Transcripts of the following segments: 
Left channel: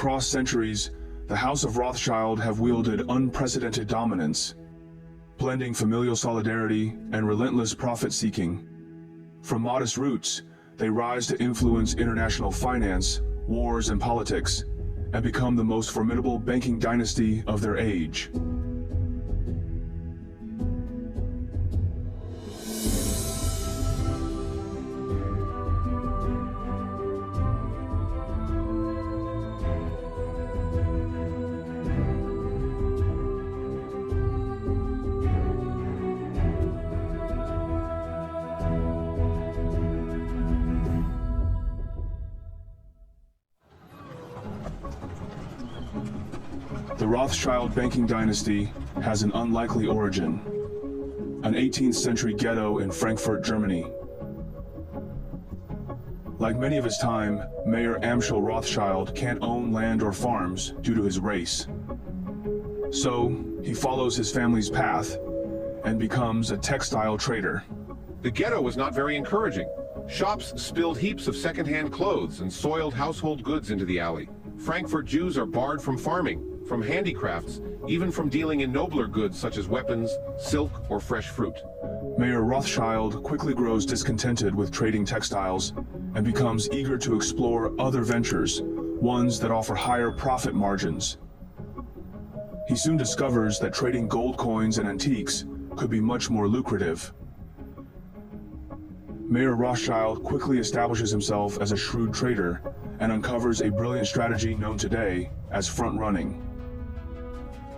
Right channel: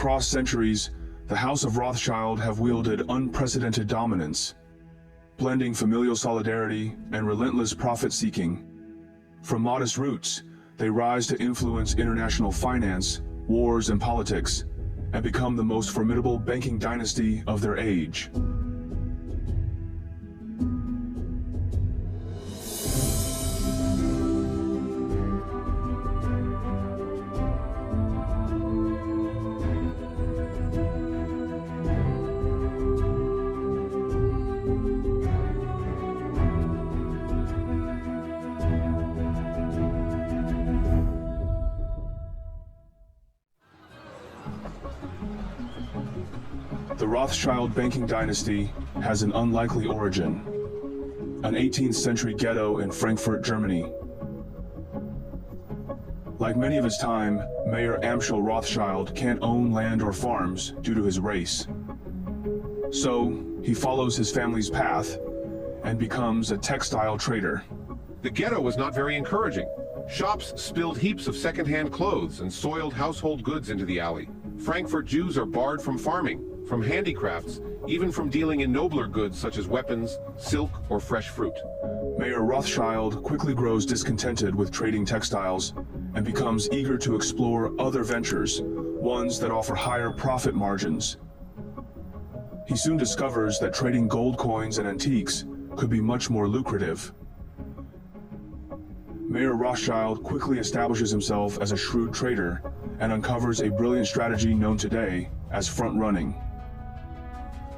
Across centuries, the House of Rothschild have wielded unprecedented dominance, blending familial solidarity and relentless profit-seeking. From modest roots, they rise to influence international finance, wars, and politics, and become the most formidable banking dynasty of their age. The Rothschild banking dynasty has an unlikely origin, an 18th century ghetto in Frankfurt, Germany. Like many of his time, Mayor Amschel Rothschild can't own land or farms due to his race. So, he follows his family's path and becomes a textile trader. The ghetto was not very encouraging. Shops spilled heaps of second-hand clothes and soiled household goods into the alley. Frankfurt Jews are barred from farming, from handicrafts, even from dealing in nobler goods such as weapons, silk, or fresh fruit. Mayor Rothschild quickly grows discontented with trading textiles and becomes eager to explore other ventures, ones that offer higher profit margins. He soon discovers that trading gold coins and antiques could be much more lucrative. Mayor Rothschild quickly establishes himself as a shrewd trader and uncovers a brilliant strategy known today as front-running.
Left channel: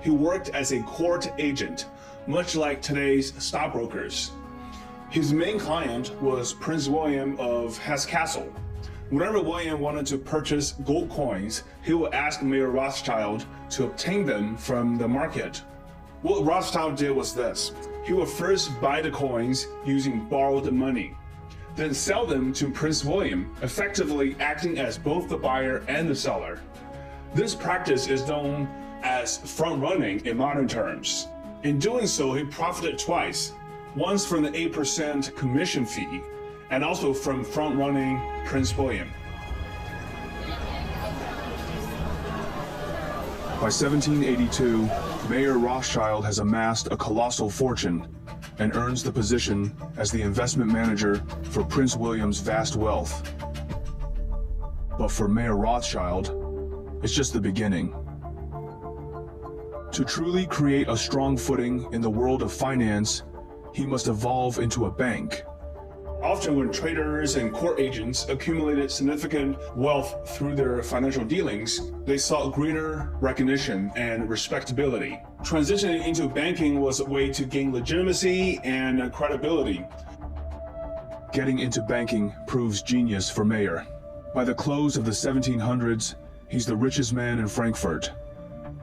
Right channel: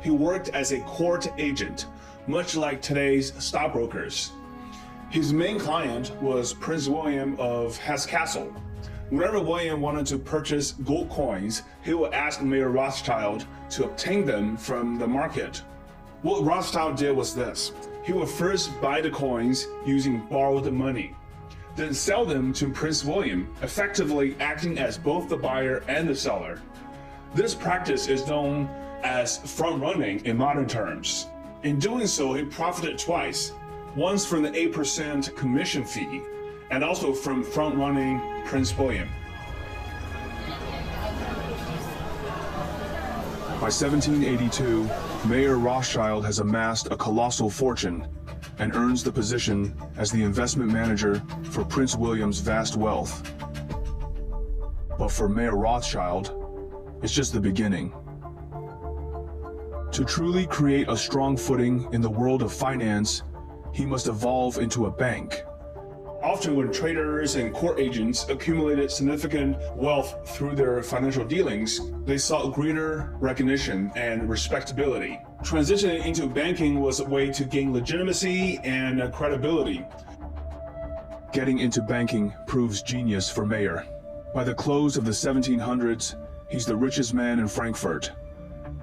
He worked as a court agent, much like today's stockbrokers. His main client was Prince William of Hesse-Kassel. Whenever William wanted to purchase gold coins, he would ask Mayor Rothschild to obtain them from the market. What Rothschild did was this. He would first buy the coins using borrowed money, then sell them to Prince William, effectively acting as both the buyer and the seller. This practice is known as front-running in modern terms. In doing so, he profited twice, once from the 8% commission fee, and also from front-running Prince William. By 1782, Mayor Rothschild has amassed a colossal fortune and earns the position as the investment manager for Prince William's vast wealth. But for Mayor Rothschild, it's just the beginning. To truly create a strong footing in the world of finance, he must evolve into a bank. Often when traders and court agents accumulated significant wealth through their financial dealings, they sought greater recognition and respectability. Transitioning into banking was a way to gain legitimacy and credibility. Getting into banking proves genius for Mayer. By the close of the 1700s, he's the richest man in Frankfurt.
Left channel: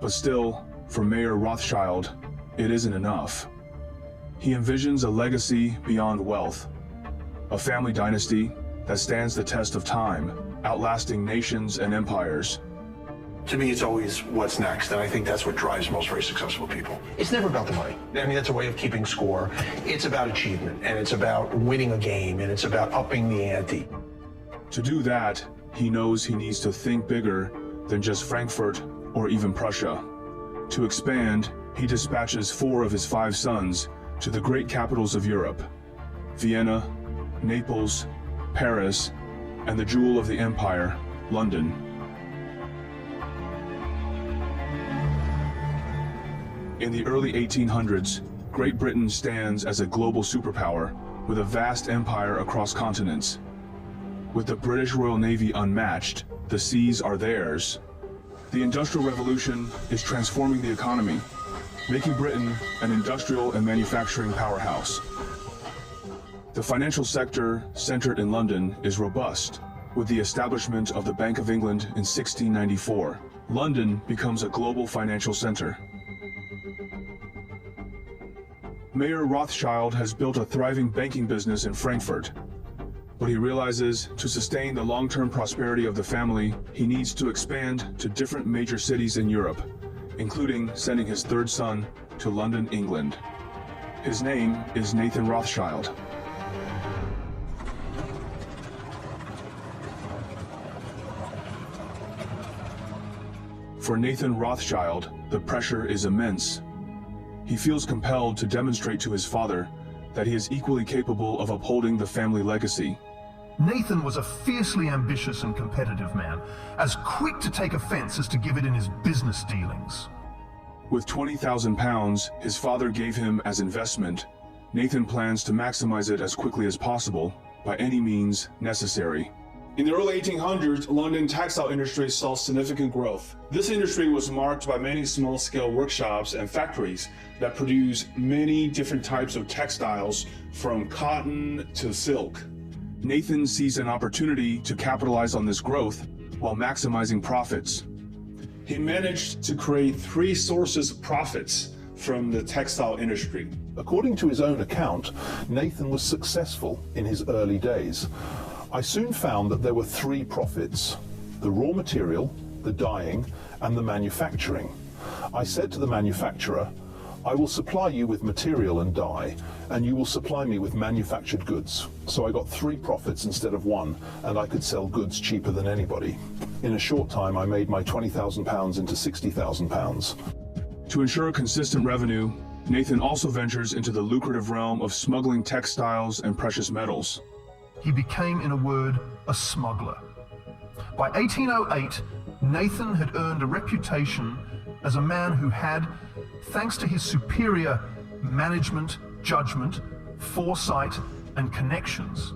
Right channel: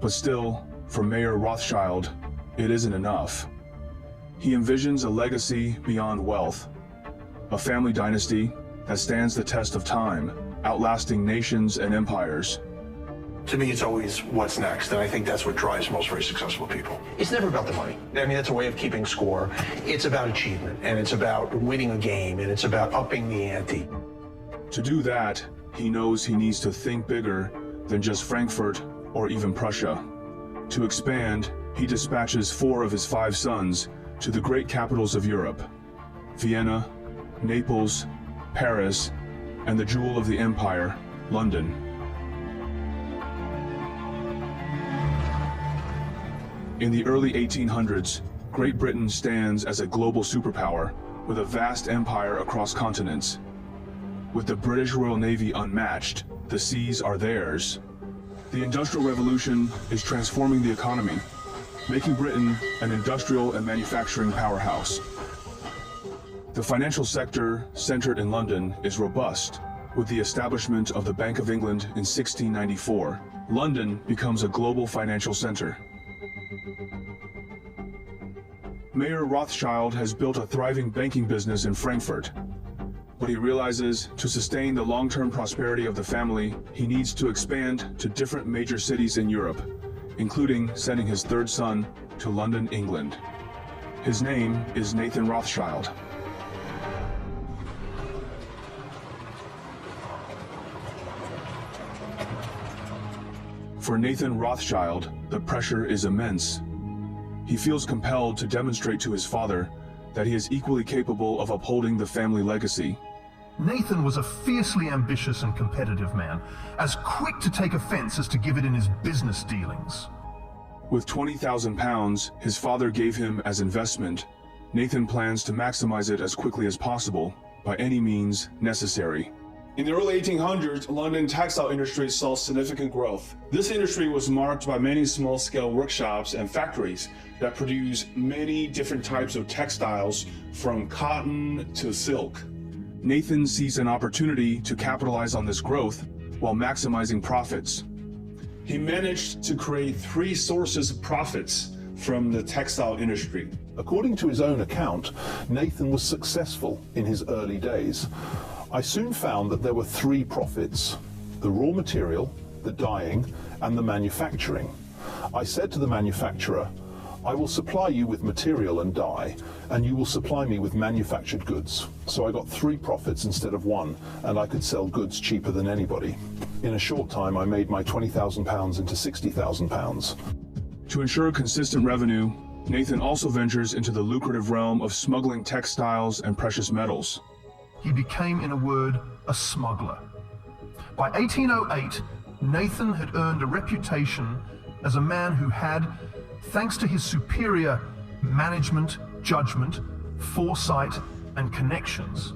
But still, for Mayor Rothschild, it isn't enough. He envisions a legacy beyond wealth, a family dynasty that stands the test of time, outlasting nations and empires. To me, it's always what's next, and I think that's what drives most very successful people. It's never about the money. I mean, that's a way of keeping score. It's about achievement, and it's about winning a game, and it's about upping the ante. To do that, he knows he needs to think bigger than just Frankfurt or even Prussia. To expand, he dispatches 4 of his 5 sons to the great capitals of Europe: Vienna, Naples, Paris, and the jewel of the empire, London. In the early 1800s, Great Britain stands as a global superpower with a vast empire across continents. With the British Royal Navy unmatched, the seas are theirs. The Industrial Revolution is transforming the economy, making Britain an industrial and manufacturing powerhouse. The financial sector, centered in London, is robust. With the establishment of the Bank of England in 1694, London becomes a global financial center. Mayor Rothschild has built a thriving banking business in Frankfurt, but he realizes to sustain the long-term prosperity of the family, he needs to expand to different major cities in Europe, including sending his 3rd son to London, England. His name is Nathan Rothschild. For Nathan Rothschild, the pressure is immense. He feels compelled to demonstrate to his father that he is equally capable of upholding the family legacy. Nathan was a fiercely ambitious and competitive man, as quick to take offense as to give it in his business dealings. With £20,000 his father gave him as investment, Nathan plans to maximize it as quickly as possible, by any means necessary. In the early 1800s, London textile industry saw significant growth. This industry was marked by many small-scale workshops and factories that produce many different types of textiles, from cotton to silk. Nathan sees an opportunity to capitalize on this growth while maximizing profits. He managed to create 3 sources of profits from the textile industry. According to his own account, Nathan was successful in his early days. I soon found that there were 3 profits: the raw material, the dyeing, and the manufacturing. I said to the manufacturer, "I will supply you with material and dye, and you will supply me with manufactured goods." So I got 3 profits instead of 1, and I could sell goods cheaper than anybody. In a short time, I made my £20,000 into £60,000. To ensure consistent revenue, Nathan also ventures into the lucrative realm of smuggling textiles and precious metals. He became, in a word, a smuggler. By 1808, Nathan had earned a reputation as a man who had, thanks to his superior management, judgment, foresight, and connections,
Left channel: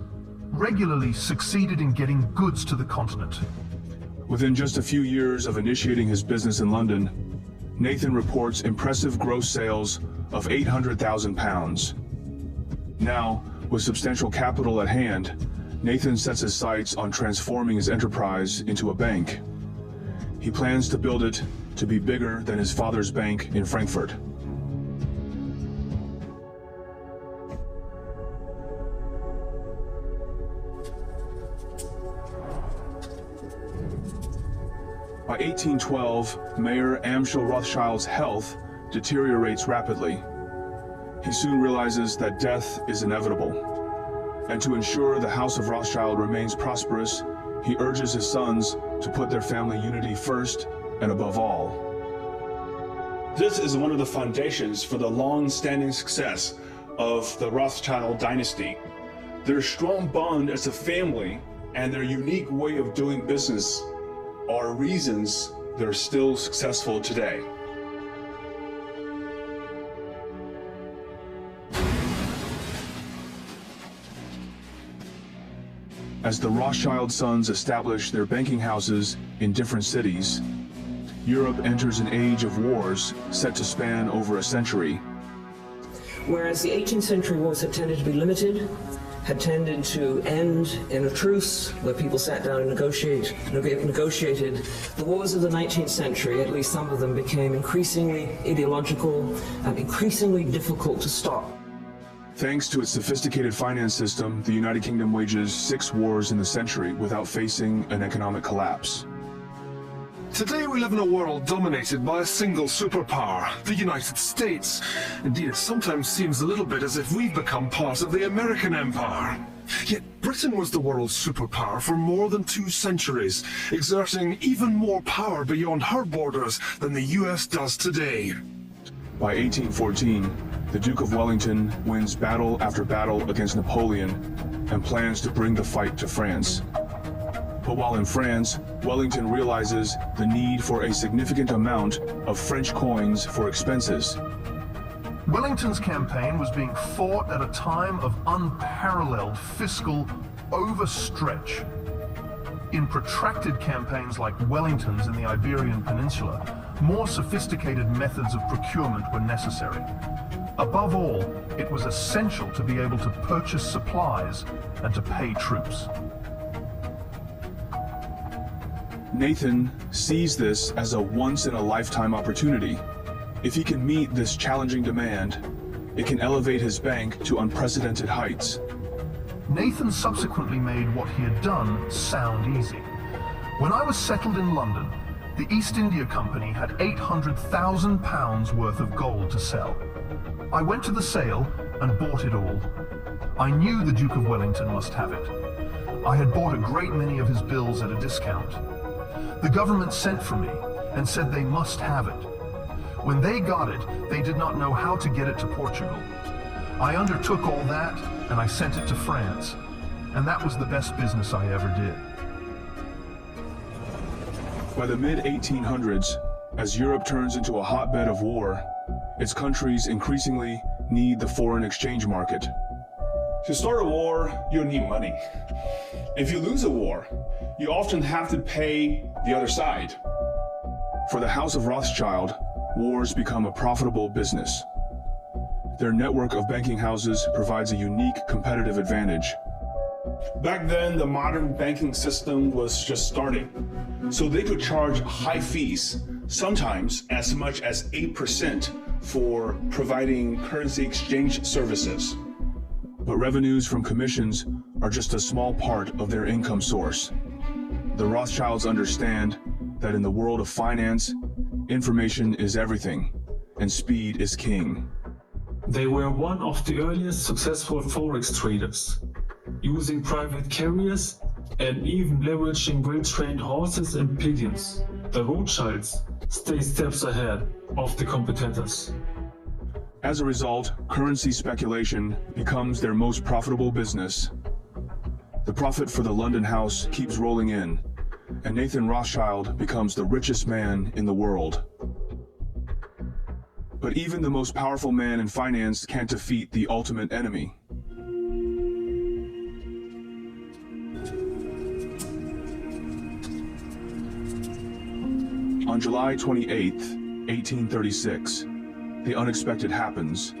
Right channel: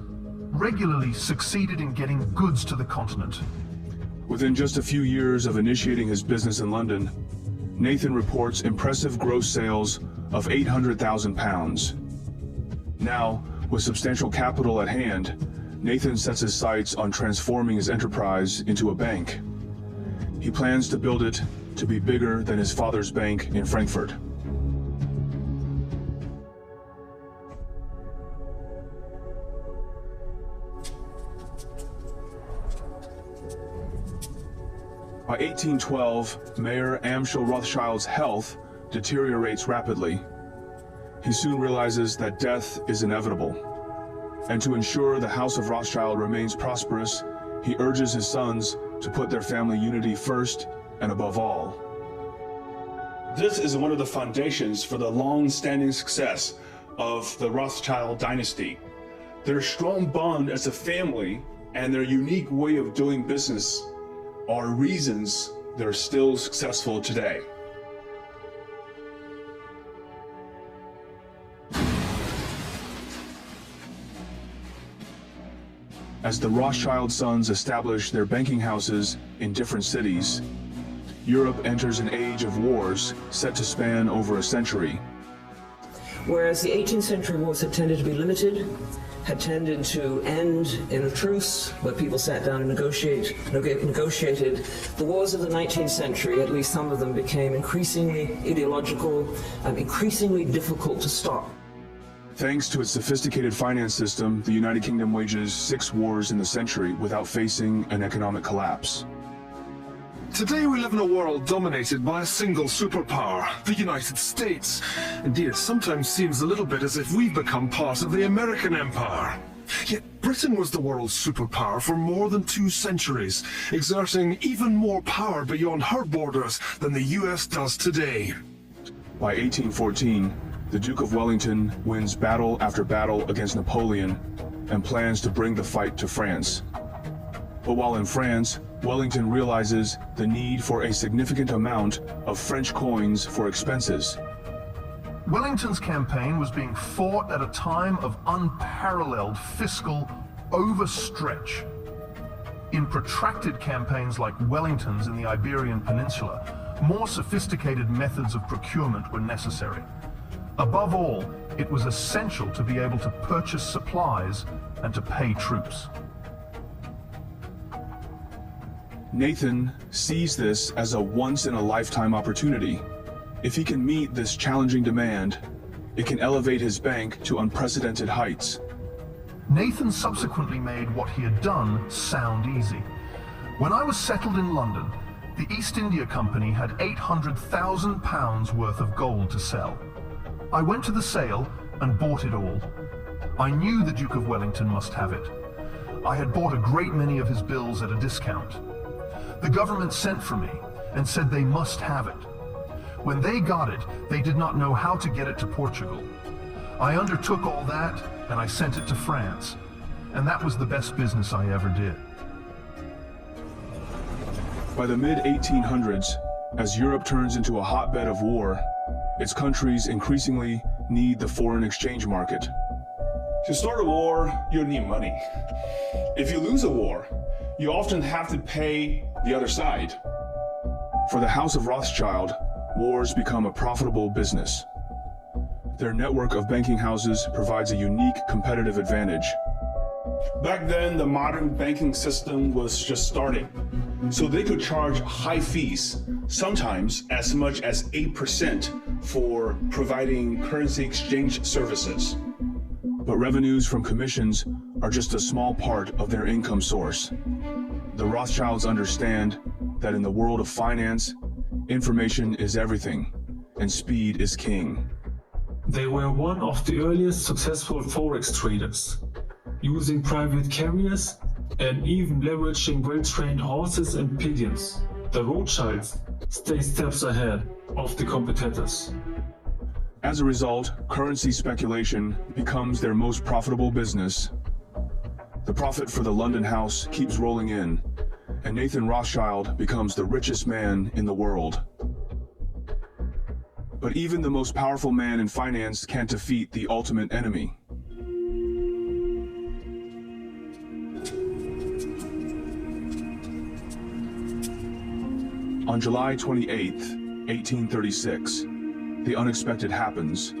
regularly succeeded in getting goods to the continent. Within just a few years of initiating his business in London, Nathan reports impressive gross sales of £800,000. Now, with substantial capital at hand, Nathan sets his sights on transforming his enterprise into a bank. He plans to build it to be bigger than his father's bank in Frankfurt. By 1812, Mayor Amschel Rothschild's health deteriorates rapidly. He soon realizes that death is inevitable. And to ensure the House of Rothschild remains prosperous, he urges his sons to put their family unity first and above all. This is one of the foundations for the long-standing success of the Rothschild dynasty. Their strong bond as a family and their unique way of doing business are reasons they're still successful today. As the Rothschild sons establish their banking houses in different cities, Europe enters an age of wars set to span over a century. Whereas the 18th century wars had tended to be limited, had tended to end in a truce where people sat down and negotiated. The wars of the 19th century, at least some of them, became increasingly ideological and increasingly difficult to stop. Thanks to its sophisticated finance system, the United Kingdom wages 6 wars in the century without facing an economic collapse. Today we live in a world dominated by a single superpower, the United States. Indeed, it sometimes seems a little bit as if we've become part of the American empire. Yet Britain was the world's superpower for more than 2 centuries, exerting even more power beyond her borders than the US does today. By 1814, the Duke of Wellington wins battle after battle against Napoleon and plans to bring the fight to France. But while in France, Wellington realizes the need for a significant amount of French coins for expenses. Wellington's campaign was being fought at a time of unparalleled fiscal overstretch. In protracted campaigns like Wellington's in the Iberian Peninsula, more sophisticated methods of procurement were necessary. Above all, it was essential to be able to purchase supplies and to pay troops. Nathan sees this as a once-in-a-lifetime opportunity. If he can meet this challenging demand, it can elevate his bank to unprecedented heights. Nathan subsequently made what he had done sound easy. When I was settled in London, the East India Company had £800,000 worth of gold to sell. I went to the sale and bought it all. I knew the Duke of Wellington must have it. I had bought a great many of his bills at a discount. The government sent for me, and said they must have it. When they got it, they did not know how to get it to Portugal. I undertook all that, and I sent it to France. And that was the best business I ever did. By the mid-1800s, as Europe turns into a hotbed of war, its countries increasingly need the foreign exchange market. To start a war, you need money. If you lose a war, you often have to pay the other side. For the House of Rothschild, wars become a profitable business. Their network of banking houses provides a unique competitive advantage. Back then, the modern banking system was just starting, so they could charge high fees, sometimes as much as 8% for providing currency exchange services. But revenues from commissions are just a small part of their income source. The Rothschilds understand that in the world of finance, information is everything, and speed is king. They were one of the earliest successful forex traders, using private carriers and even leveraging well-trained horses and pigeons. The Rothschilds stay steps ahead of the competitors. As a result, currency speculation becomes their most profitable business. The profit for the London house keeps rolling in, and Nathan Rothschild becomes the richest man in the world. But even the most powerful man in finance can't defeat the ultimate enemy. On July 28, 1836, the unexpected happens.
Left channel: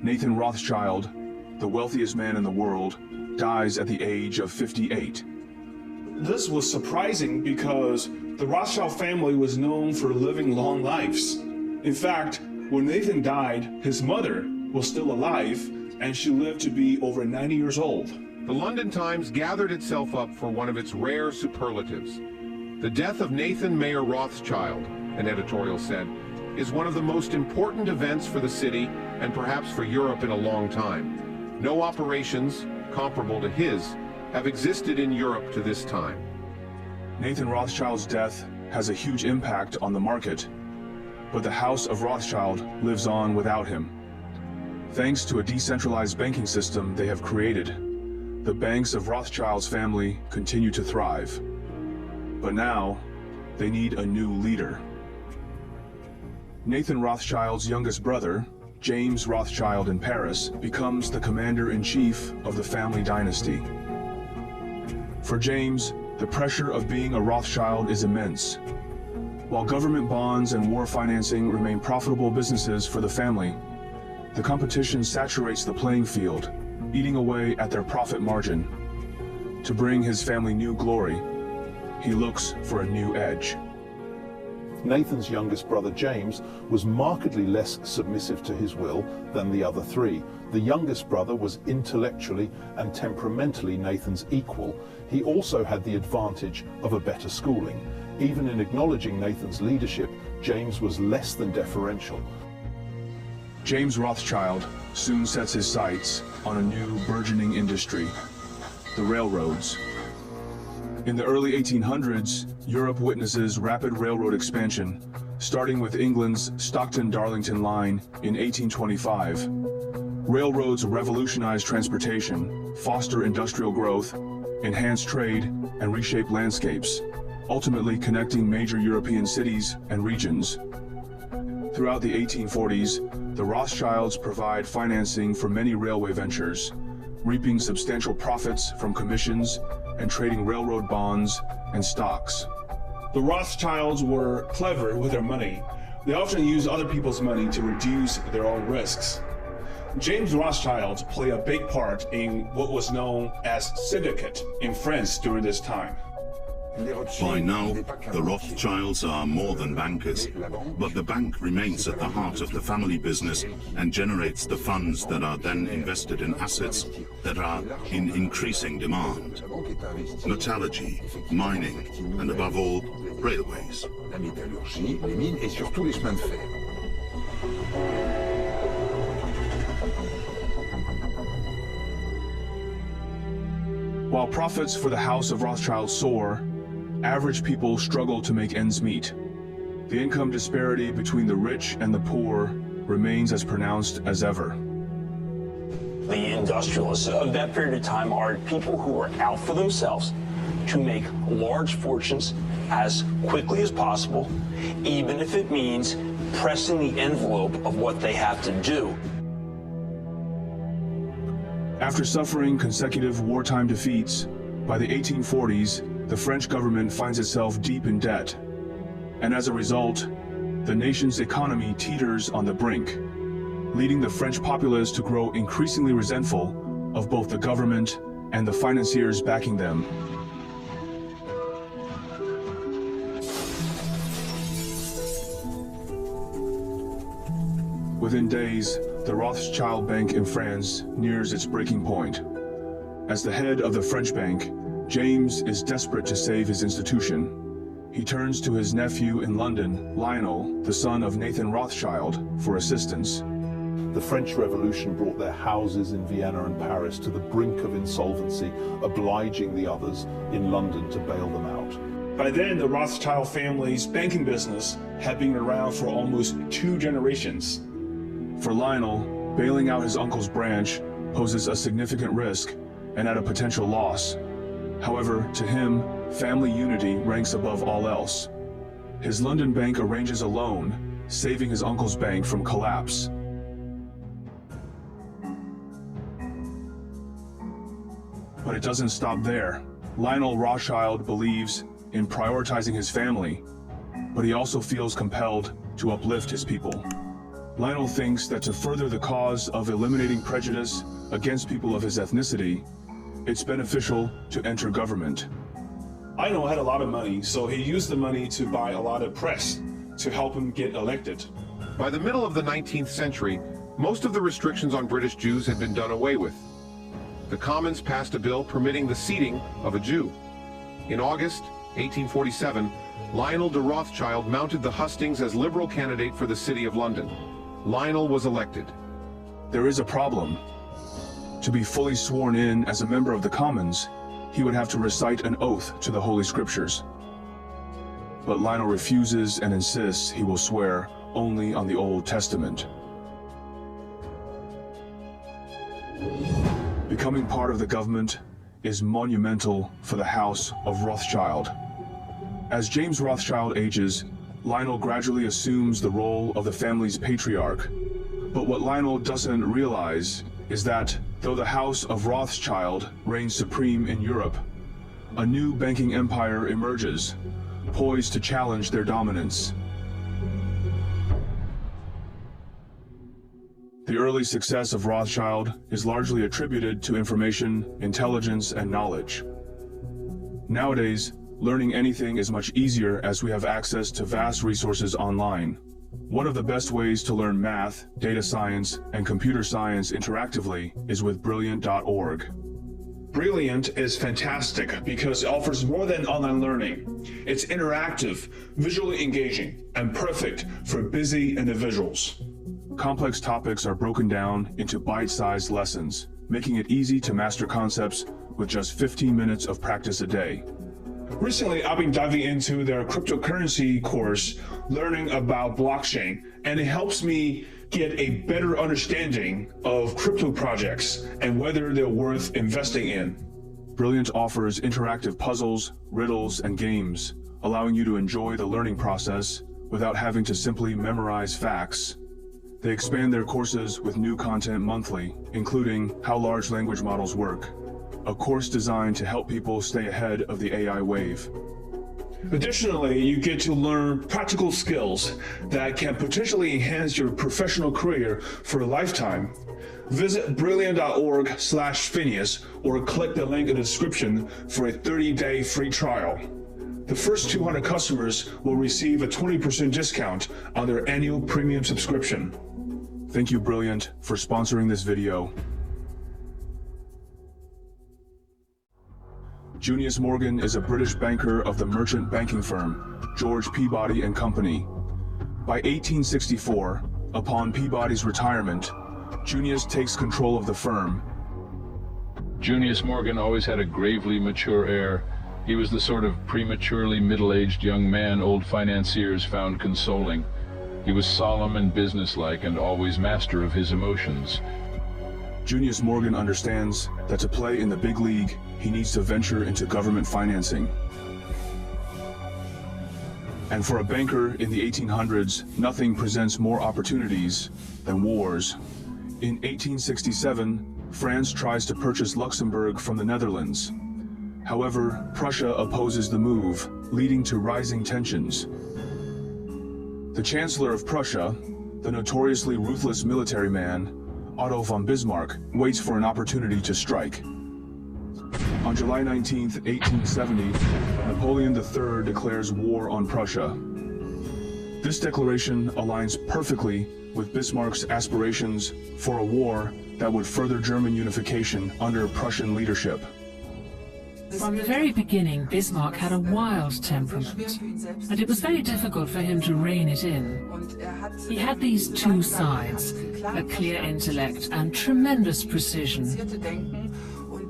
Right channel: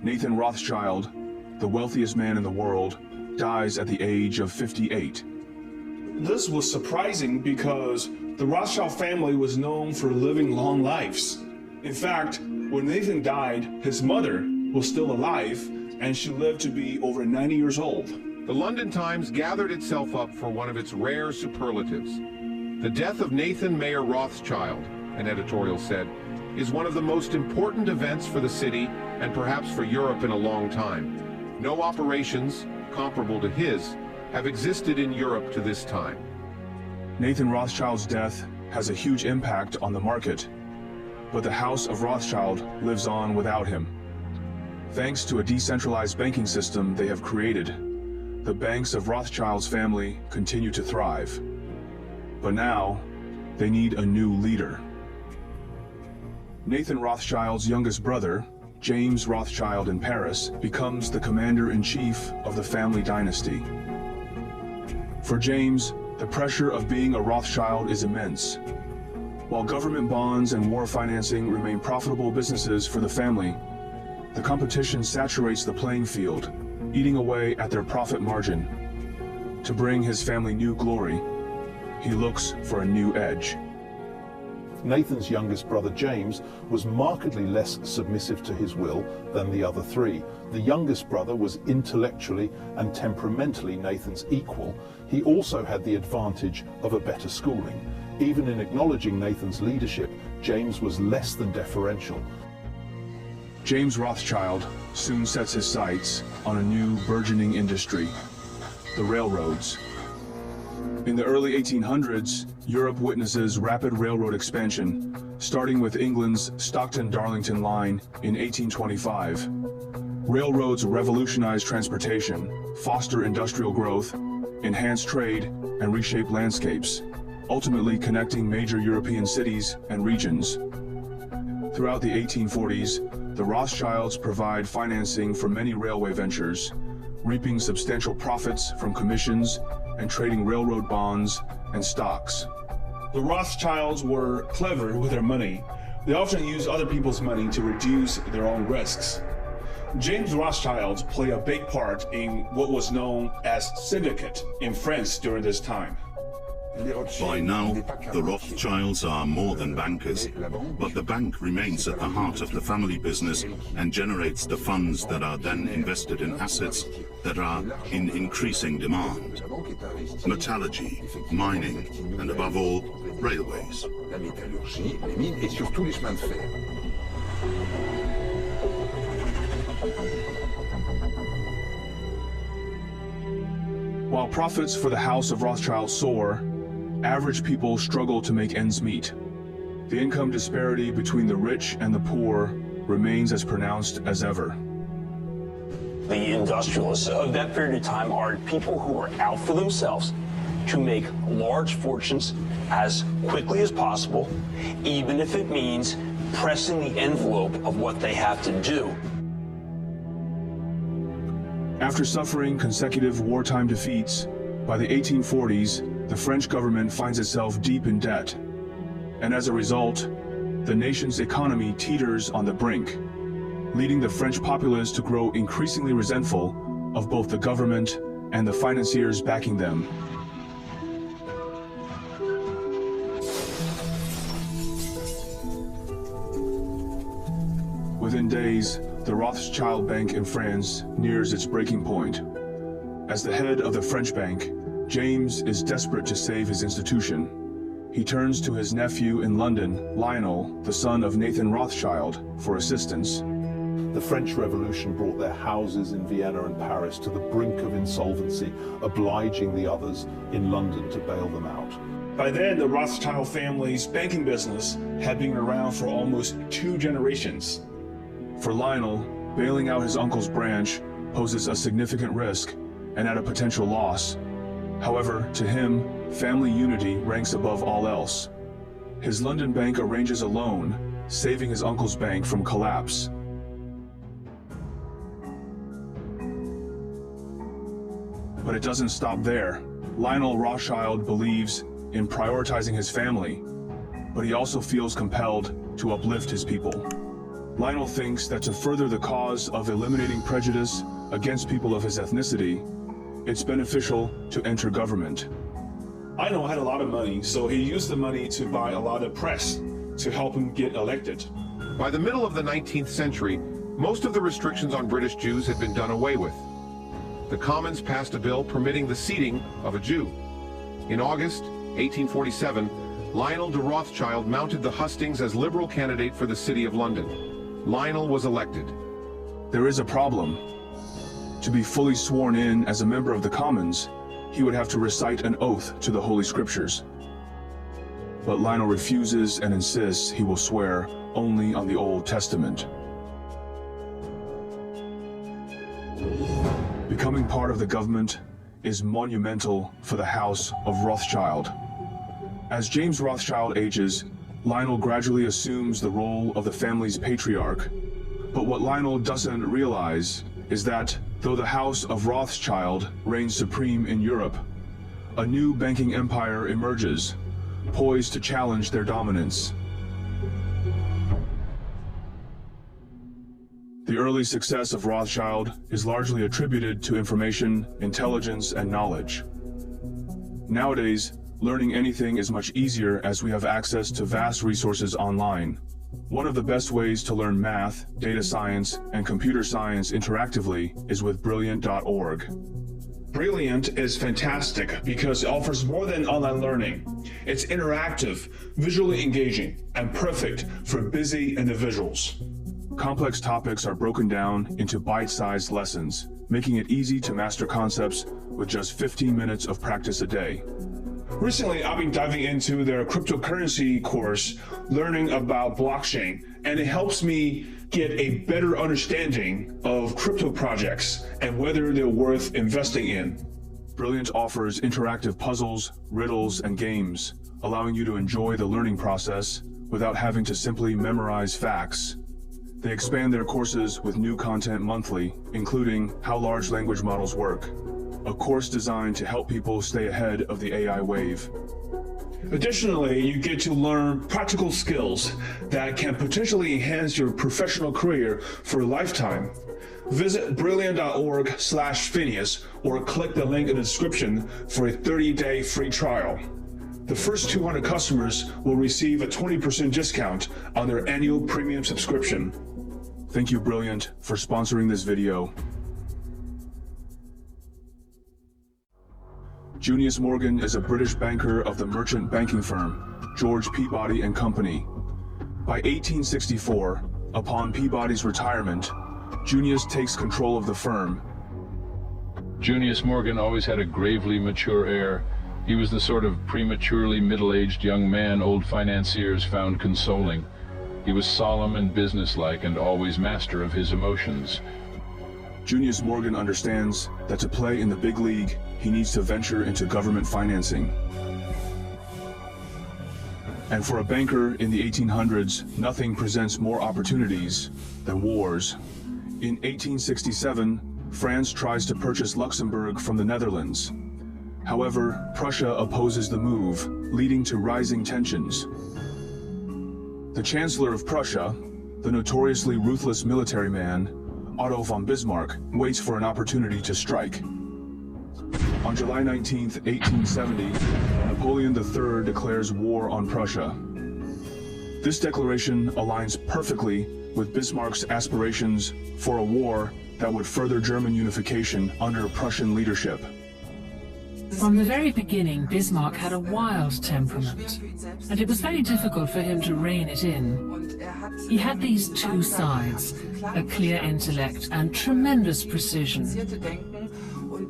Nathan Rothschild, the wealthiest man in the world, dies at the age of 58. This was surprising because the Rothschild family was known for living long lives. In fact, when Nathan died, his mother was still alive, and she lived to be over 90 years old. The London Times gathered itself up for one of its rare superlatives. The death of Nathan Mayer Rothschild, an editorial said, is one of the most important events for the city and perhaps for Europe in a long time. No operations comparable to his have existed in Europe to this time. Nathan Rothschild's death has a huge impact on the market, but the House of Rothschild lives on without him. Thanks to a decentralized banking system they have created, the banks of Rothschild's family continue to thrive. But now, they need a new leader. Nathan Rothschild's youngest brother, James Rothschild in Paris, becomes the commander-in-chief of the family dynasty. For James, the pressure of being a Rothschild is immense. While government bonds and war financing remain profitable businesses for the family, the competition saturates the playing field, eating away at their profit margin. To bring his family new glory, he looks for a new edge. Nathan's youngest brother James was markedly less submissive to his will than the other three. The youngest brother was intellectually and temperamentally Nathan's equal. He also had the advantage of a better schooling. Even in acknowledging Nathan's leadership, James was less than deferential. James Rothschild soon sets his sights on a new burgeoning industry, the railroads. In the early 1800s, Europe witnesses rapid railroad expansion, starting with England's Stockton-Darlington line in 1825. Railroads revolutionize transportation, foster industrial growth, enhance trade, and reshape landscapes, ultimately connecting major European cities and regions. Throughout the 1840s, the Rothschilds provide financing for many railway ventures, reaping substantial profits from commissions and trading railroad bonds and stocks. The Rothschilds were clever with their money. They often used other people's money to reduce their own risks. James Rothschild played a big part in what was known as syndicate in France during this time. By now, the Rothschilds are more than bankers, but the bank remains at the heart of the family business and generates the funds that are then invested in assets that are in increasing demand. Metallurgy, mining, and above all, railways. While profits for the House of Rothschild soar, average people struggle to make ends meet. The income disparity between the rich and the poor remains as pronounced as ever. The industrialists of that period of time are people who are out for themselves to make large fortunes as quickly as possible, even if it means pressing the envelope of what they have to do. After suffering consecutive wartime defeats, by the 1840s, the French government finds itself deep in debt. And as a result, the nation's economy teeters on the brink, leading the French populace to grow increasingly resentful of both the government and the financiers backing them. Within days, the Rothschild Bank in France nears its breaking point. As the head of the French bank, James is desperate to save his institution. He turns to his nephew in London, Lionel, the son of Nathan Rothschild, for assistance. The French Revolution brought their houses in Vienna and Paris to the brink of insolvency, obliging the others in London to bail them out. By then, the Rothschild family's banking business had been around for almost 2 generations. For Lionel, bailing out his uncle's branch poses a significant risk and at a potential loss. However, to him, family unity ranks above all else. His London bank arranges a loan, saving his uncle's bank from collapse. But it doesn't stop there. Lionel Rothschild believes in prioritizing his family, but he also feels compelled to uplift his people. Lionel thinks that to further the cause of eliminating prejudice against people of his ethnicity, it's beneficial to enter government. Lionel had a lot of money, so he used the money to buy a lot of press to help him get elected. By the middle of the 19th century, most of the restrictions on British Jews had been done away with. The Commons passed a bill permitting the seating of a Jew. In August 1847, Lionel de Rothschild mounted the hustings as Liberal candidate for the City of London. Lionel was elected. There is a problem. To be fully sworn in as a member of the Commons, he would have to recite an oath to the Holy Scriptures. But Lionel refuses and insists he will swear only on the Old Testament. Becoming part of the government is monumental for the House of Rothschild. As James Rothschild ages, Lionel gradually assumes the role of the family's patriarch. But what Lionel doesn't realize is that, though the House of Rothschild reigns supreme in Europe, a new banking empire emerges, poised to challenge their dominance. The early success of Rothschild is largely attributed to information, intelligence, and knowledge. Nowadays, learning anything is much easier as we have access to vast resources online. One of the best ways to learn math, data science, and computer science interactively is with Brilliant.org. Brilliant is fantastic because it offers more than online learning. It's interactive, visually engaging, and perfect for busy individuals. Complex topics are broken down into bite-sized lessons, making it easy to master concepts with just 15 minutes of practice a day. Recently, I've been diving into their cryptocurrency course, learning about blockchain, and it helps me get a better understanding of crypto projects and whether they're worth investing in. Brilliant offers interactive puzzles, riddles, and games, allowing you to enjoy the learning process without having to simply memorize facts. They expand their courses with new content monthly, including How Large Language Models Work, a course designed to help people stay ahead of the AI wave. Additionally, you get to learn practical skills that can potentially enhance your professional career for a lifetime. Visit brilliant.org/Phineas or click the link in the description for a 30-day free trial. The first 200 customers will receive a 20% discount on their annual premium subscription. Thank you, Brilliant, for sponsoring this video. Junius Morgan is a British banker of the merchant banking firm, George Peabody and Company. By 1864, upon Peabody's retirement, Junius takes control of the firm. Junius Morgan always had a gravely mature air. He was the sort of prematurely middle-aged young man old financiers found consoling. He was solemn and businesslike and always master of his emotions. Junius Morgan understands that to play in the big league, he needs to venture into government financing. And for a banker in the 1800s, nothing presents more opportunities than wars. In 1867, France tries to purchase Luxembourg from the Netherlands. However, Prussia opposes the move, leading to rising tensions. The Chancellor of Prussia, the notoriously ruthless military man, Otto von Bismarck, waits for an opportunity to strike. On July 19, 1870, Napoleon III declares war on Prussia. This declaration aligns perfectly with Bismarck's aspirations for a war that would further German unification under Prussian leadership. From the very beginning, Bismarck had a wild temperament, and it was very difficult for him to rein it in. He had these two sides, a clear intellect and tremendous precision.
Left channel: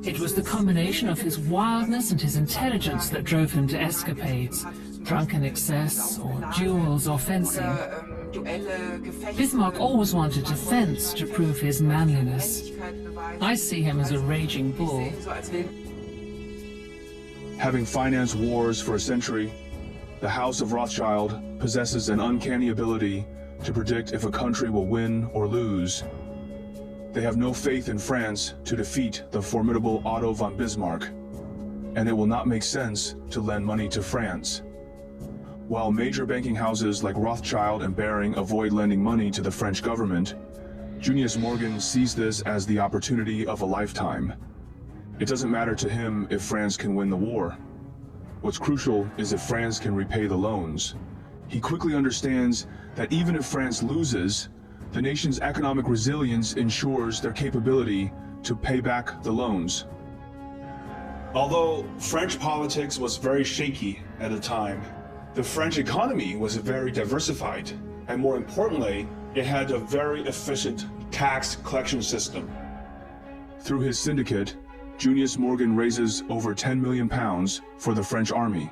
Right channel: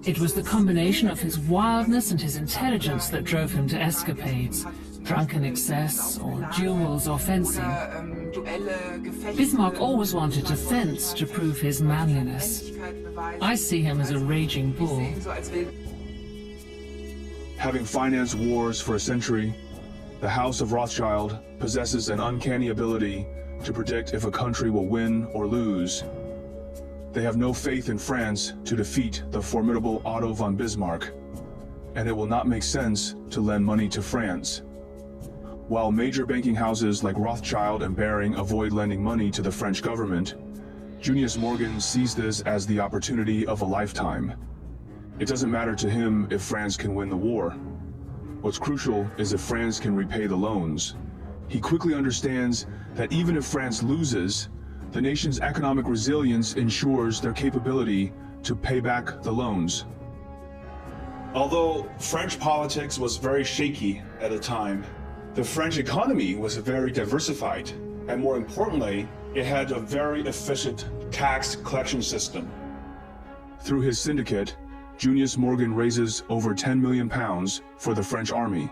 It was the combination of his wildness and his intelligence that drove him to escapades, drunken excess, or duels or fencing. Bismarck always wanted to fence to prove his manliness. I see him as a raging bull. Having financed wars for a century, the House of Rothschild possesses an uncanny ability to predict if a country will win or lose. They have no faith in France to defeat the formidable Otto von Bismarck, and it will not make sense to lend money to France. While major banking houses like Rothschild and Baring avoid lending money to the French government, Junius Morgan sees this as the opportunity of a lifetime. It doesn't matter to him if France can win the war. What's crucial is if France can repay the loans. He quickly understands that even if France loses, the nation's economic resilience ensures their capability to pay back the loans. Although French politics was very shaky at the time, the French economy was very diversified, and more importantly, it had a very efficient tax collection system. Through his syndicate, Junius Morgan raises over £10 million for the French army.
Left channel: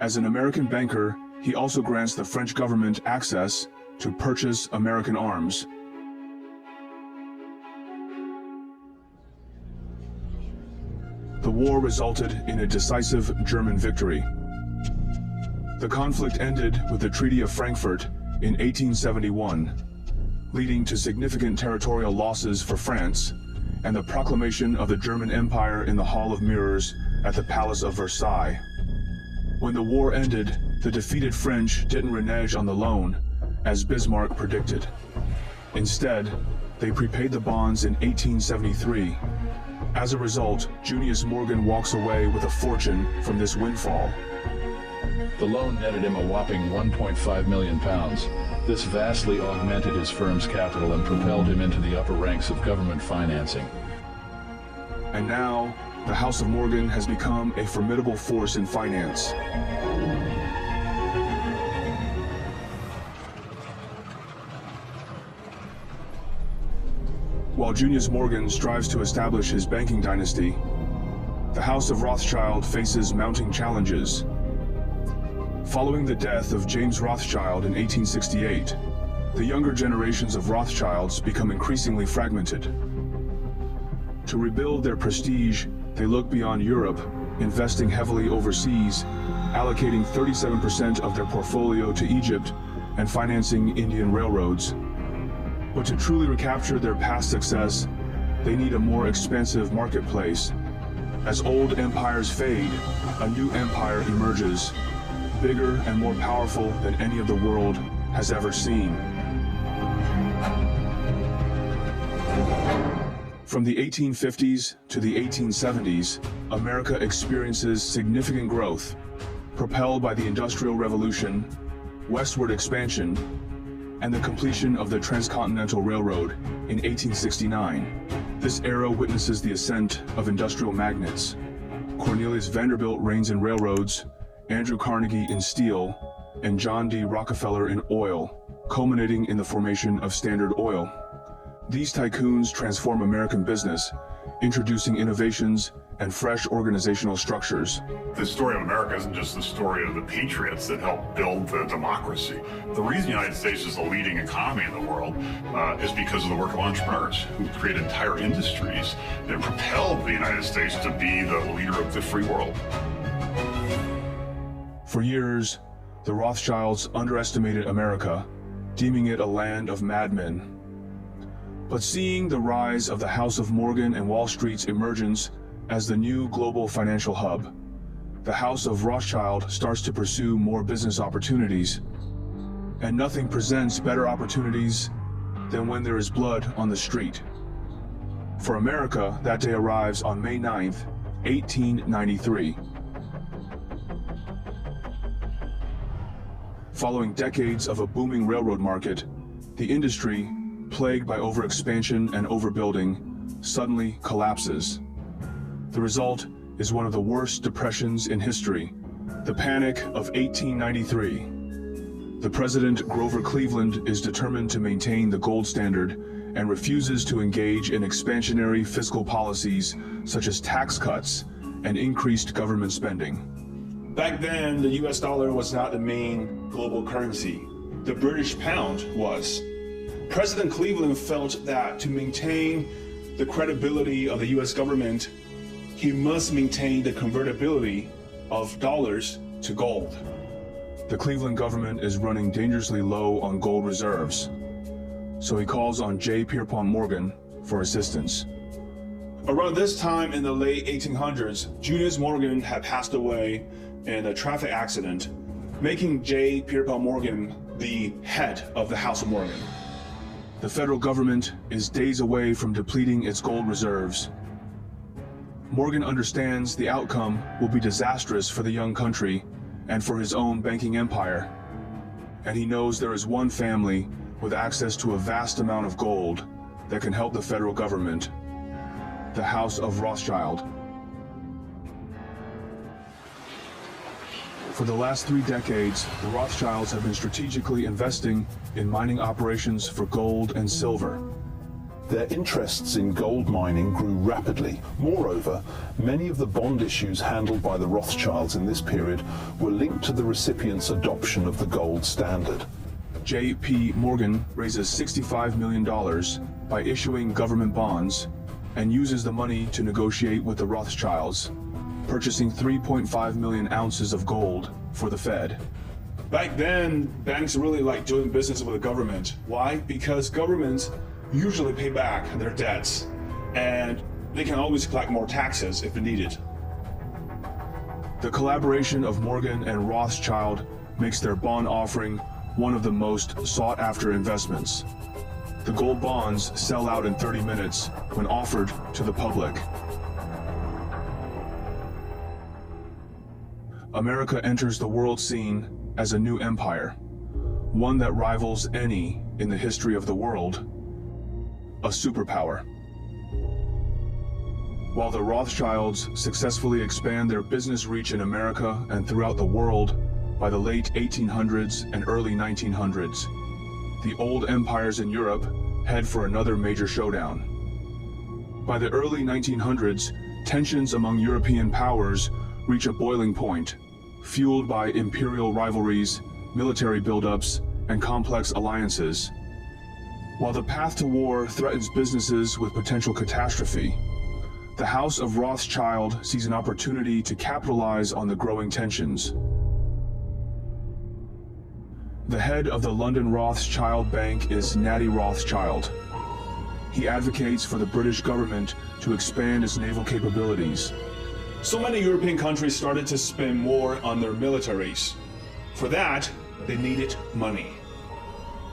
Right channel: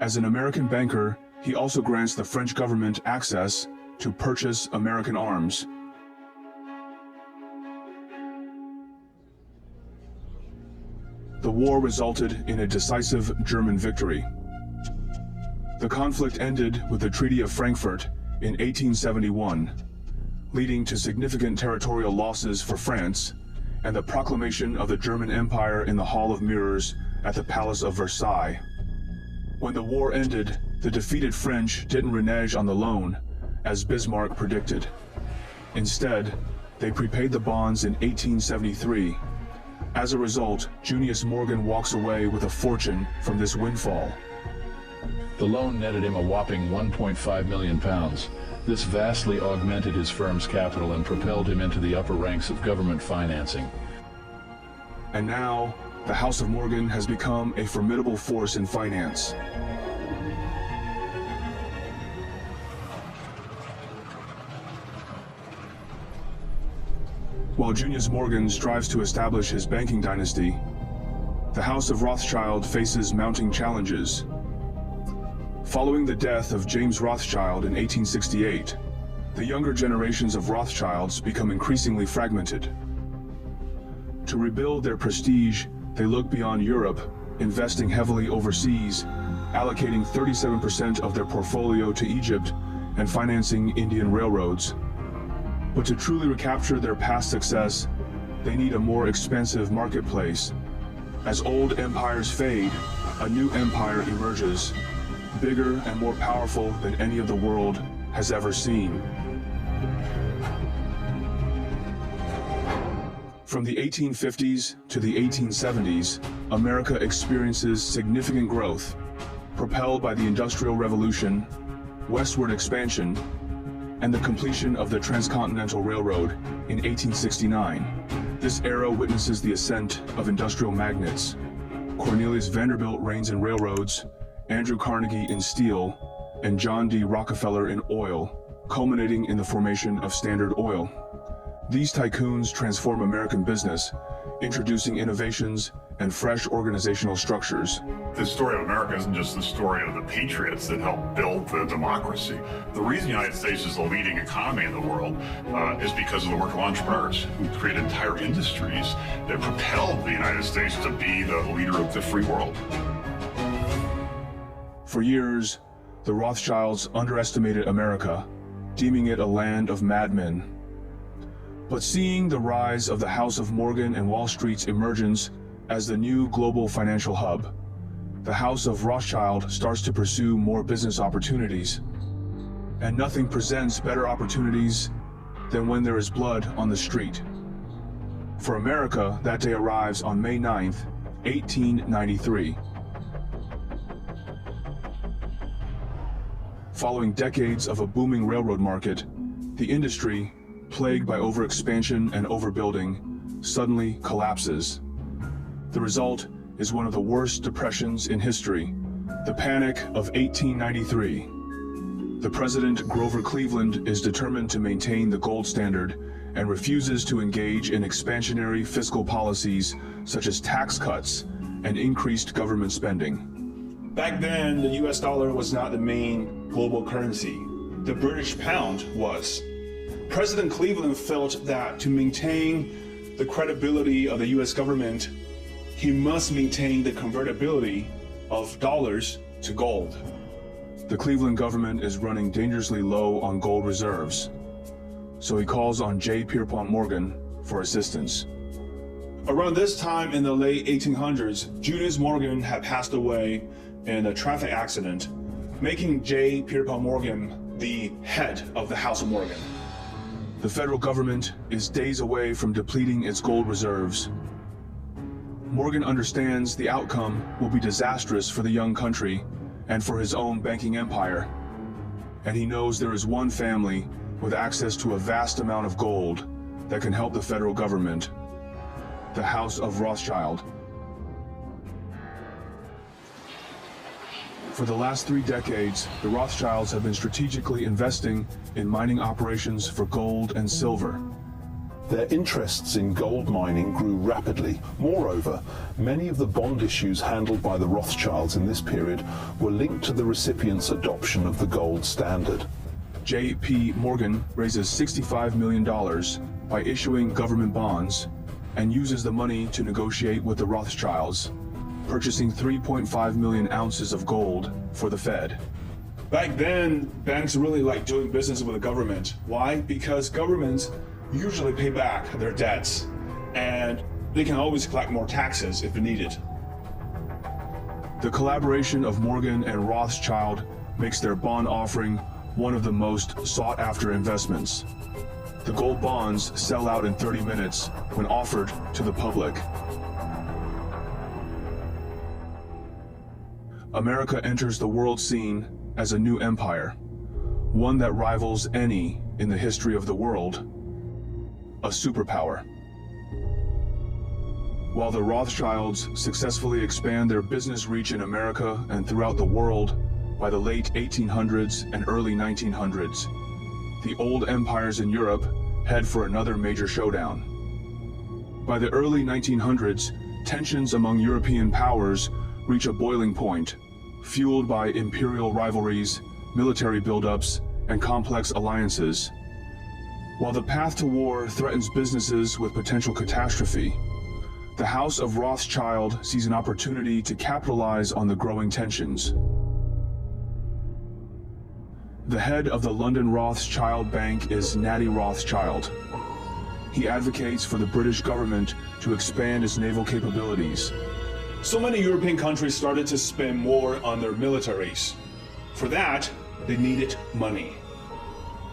As an American banker, he also grants the French government access to purchase American arms. The war resulted in a decisive German victory. The conflict ended with the Treaty of Frankfurt in 1871, leading to significant territorial losses for France and the proclamation of the German Empire in the Hall of Mirrors at the Palace of Versailles. When the war ended, the defeated French didn't renege on the loan, as Bismarck predicted. Instead, they prepaid the bonds in 1873. As a result, Junius Morgan walks away with a fortune from this windfall. The loan netted him a whopping £1.5 million. This vastly augmented his firm's capital and propelled him into the upper ranks of government financing. And now, the House of Morgan has become a formidable force in finance. While Junius Morgan strives to establish his banking dynasty, the House of Rothschild faces mounting challenges. Following the death of James Rothschild in 1868, the younger generations of Rothschilds become increasingly fragmented. To rebuild their prestige, they look beyond Europe, investing heavily overseas, allocating 37% of their portfolio to Egypt and financing Indian railroads. But to truly recapture their past success, they need a more expansive marketplace. As old empires fade, a new empire emerges, bigger and more powerful than any of the world has ever seen. From the 1850s to the 1870s, America experiences significant growth, propelled by the Industrial Revolution, westward expansion, and the completion of the Transcontinental Railroad in 1869. This era witnesses the ascent of industrial magnates. Cornelius Vanderbilt reigns in railroads, Andrew Carnegie in steel, and John D. Rockefeller in oil, culminating in the formation of Standard Oil. These tycoons transform American business, introducing innovations and fresh organizational structures. The story of America isn't just the story of the patriots that helped build the democracy. The reason the United States is the leading economy in the world is because of the work of entrepreneurs who created entire industries that propelled the United States to be the leader of the free world. For years, the Rothschilds underestimated America, deeming it a land of madmen. But seeing the rise of the House of Morgan and Wall Street's emergence as the new global financial hub, the House of Rothschild starts to pursue more business opportunities. And nothing presents better opportunities than when there is blood on the street. For America, that day arrives on May 9th, 1893. Following decades of a booming railroad market, the industry, plagued by overexpansion and overbuilding, suddenly collapses. The result is one of the worst depressions in history, the Panic of 1893. The President, Grover Cleveland, is determined to maintain the gold standard and refuses to engage in expansionary fiscal policies such as tax cuts and increased government spending. Back then, the US dollar was not the main global currency. The British pound was. President Cleveland felt that to maintain the credibility of the US government, he must maintain the convertibility of dollars to gold. The Cleveland government is running dangerously low on gold reserves, so he calls on J. Pierpont Morgan for assistance. Around this time in the late 1800s, Junius Morgan had passed away in a traffic accident, making J. Pierpont Morgan the head of the House of Morgan. The federal government is days away from depleting its gold reserves. Morgan understands the outcome will be disastrous for the young country and for his own banking empire. And he knows there is one family with access to a vast amount of gold that can help the federal government: the House of Rothschild. For the last 3 decades, the Rothschilds have been strategically investing in mining operations for gold and silver. Their interests in gold mining grew rapidly. Moreover, many of the bond issues handled by the Rothschilds in this period were linked to the recipient's adoption of the gold standard. J.P. Morgan raises $65 million by issuing government bonds and uses the money to negotiate with the Rothschilds, purchasing 3.5 million ounces of gold for the Fed. Back then, banks really liked doing business with the government. Why? Because governments usually pay back their debts, and they can always collect more taxes if needed. The collaboration of Morgan and Rothschild makes their bond offering one of the most sought-after investments. The gold bonds sell out in 30 minutes when offered to the public. America enters the world scene as a new empire, one that rivals any in the history of the world, a superpower. While the Rothschilds successfully expand their business reach in America and throughout the world, by the late 1800s and early 1900s, the old empires in Europe head for another major showdown. By the early 1900s, tensions among European powers reach a boiling point, fueled by imperial rivalries, military buildups, and complex alliances. While the path to war threatens businesses with potential catastrophe, the House of Rothschild sees an opportunity to capitalize on the growing tensions. The head of the London Rothschild Bank is Natty Rothschild. He advocates for the British government to expand its naval capabilities. So many European countries started to spend more on their militaries. For that, they needed money.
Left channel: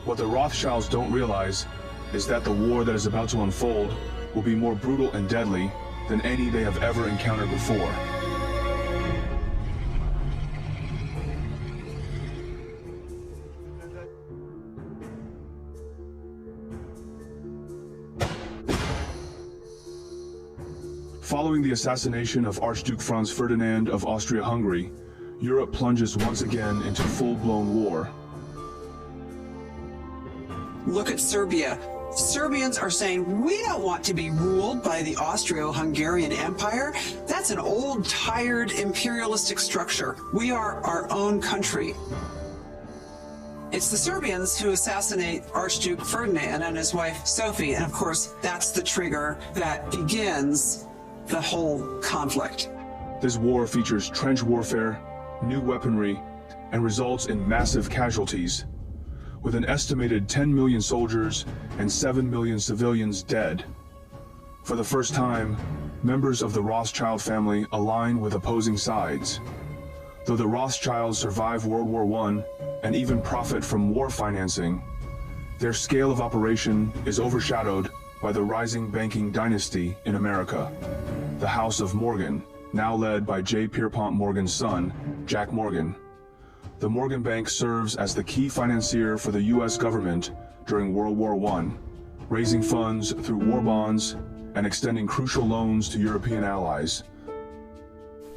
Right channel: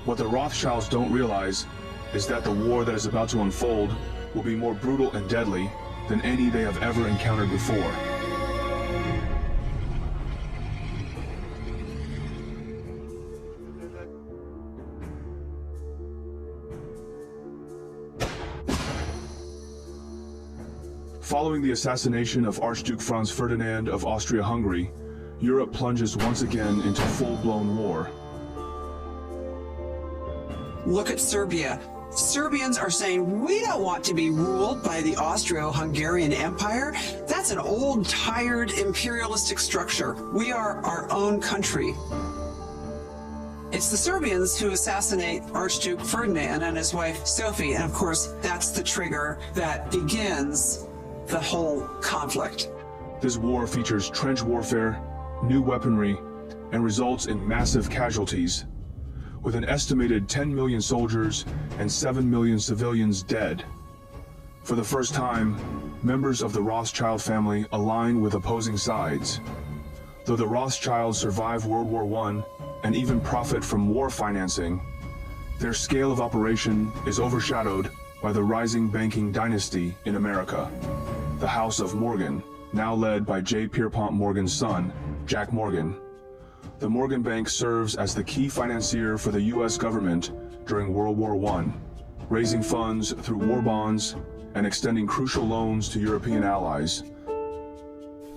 What the Rothschilds don't realize is that the war that is about to unfold will be more brutal and deadly than any they have ever encountered before. Following the assassination of Archduke Franz Ferdinand of Austria-Hungary, Europe plunges once again into full-blown war. Look at Serbia. Serbians are saying, we don't want to be ruled by the Austro-Hungarian Empire. That's an old, tired, imperialistic structure. We are our own country. It's the Serbians who assassinate Archduke Ferdinand and his wife Sophie, and of course, that's the trigger that begins the whole conflict. This war features trench warfare, new weaponry, and results in massive casualties, with an estimated 10 million soldiers and 7 million civilians dead. For the first time, members of the Rothschild family align with opposing sides. Though the Rothschilds survive World War I and even profit from war financing, their scale of operation is overshadowed by the rising banking dynasty in America, the House of Morgan, now led by J. Pierpont Morgan's son, Jack Morgan. The Morgan Bank serves as the key financier for the U.S. government during World War I, raising funds through war bonds and extending crucial loans to European allies.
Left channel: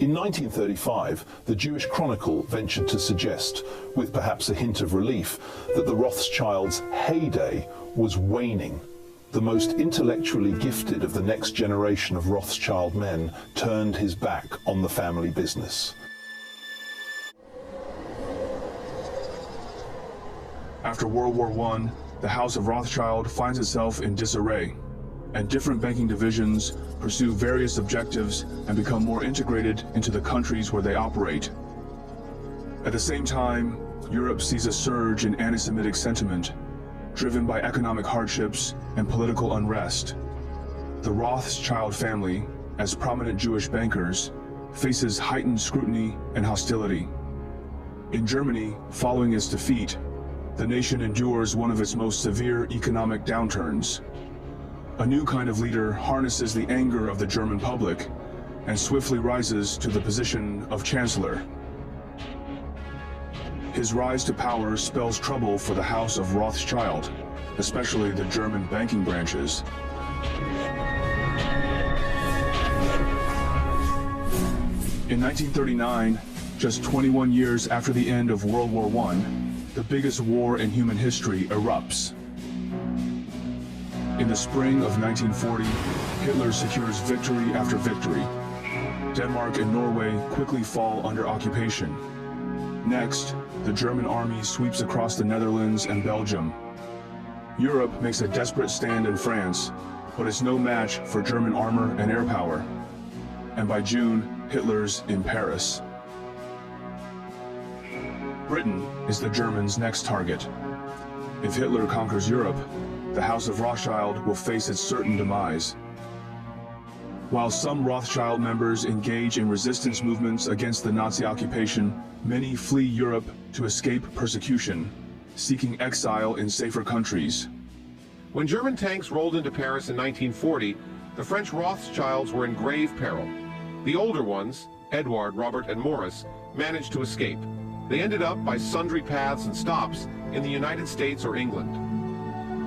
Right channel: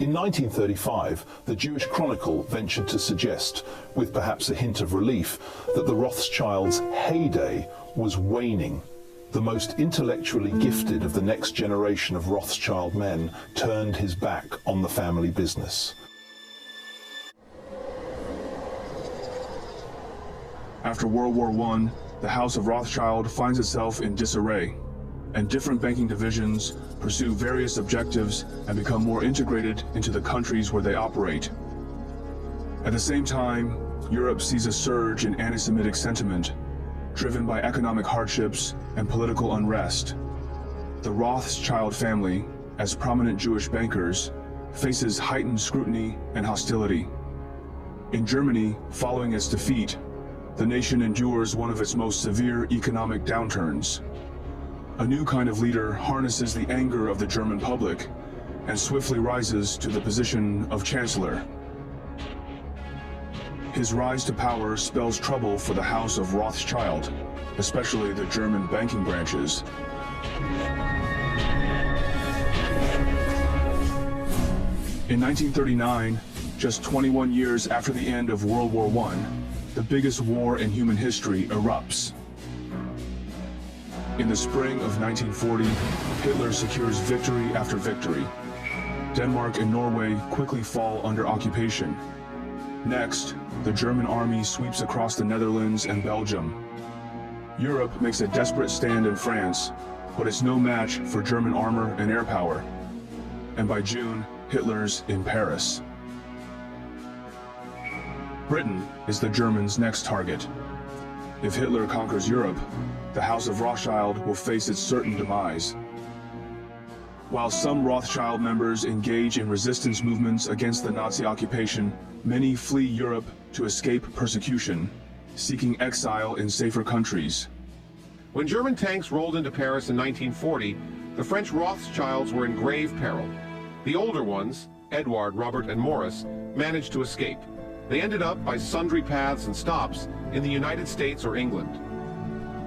In 1935, the Jewish Chronicle ventured to suggest, with perhaps a hint of relief, that the Rothschilds' heyday was waning. The most intellectually gifted of the next generation of Rothschild men turned his back on the family business. After World War I, the House of Rothschild finds itself in disarray, and different banking divisions pursue various objectives and become more integrated into the countries where they operate. At the same time, Europe sees a surge in anti-Semitic sentiment, driven by economic hardships and political unrest. The Rothschild family, as prominent Jewish bankers, faces heightened scrutiny and hostility. In Germany, following its defeat, the nation endures one of its most severe economic downturns. A new kind of leader harnesses the anger of the German public and swiftly rises to the position of chancellor. His rise to power spells trouble for the House of Rothschild, especially the German banking branches. In 1939, just 21 years after the end of World War I, the biggest war in human history erupts. In the spring of 1940, Hitler secures victory after victory. Denmark and Norway quickly fall under occupation. Next, the German army sweeps across the Netherlands and Belgium. Europe makes a desperate stand in France, but it's no match for German armor and air power. And by June, Hitler's in Paris. Britain is the Germans' next target. If Hitler conquers Europe, the House of Rothschild will face its certain demise. While some Rothschild members engage in resistance movements against the Nazi occupation, many flee Europe to escape persecution, seeking exile in safer countries. When German tanks rolled into Paris in 1940, the French Rothschilds were in grave peril. The older ones, Edward, Robert, and Maurice, managed to escape. They ended up by sundry paths and stops in the United States or England.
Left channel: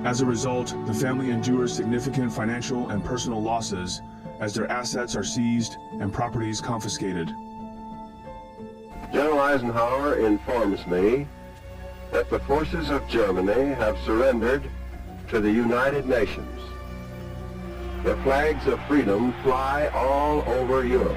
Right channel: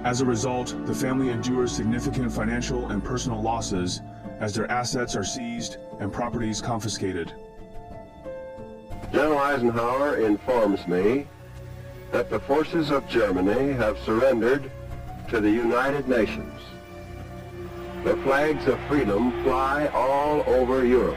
As a result, the family endures significant financial and personal losses as their assets are seized and properties confiscated. General Eisenhower informs me that the forces of Germany have surrendered to the United Nations. The flags of freedom fly all over Europe.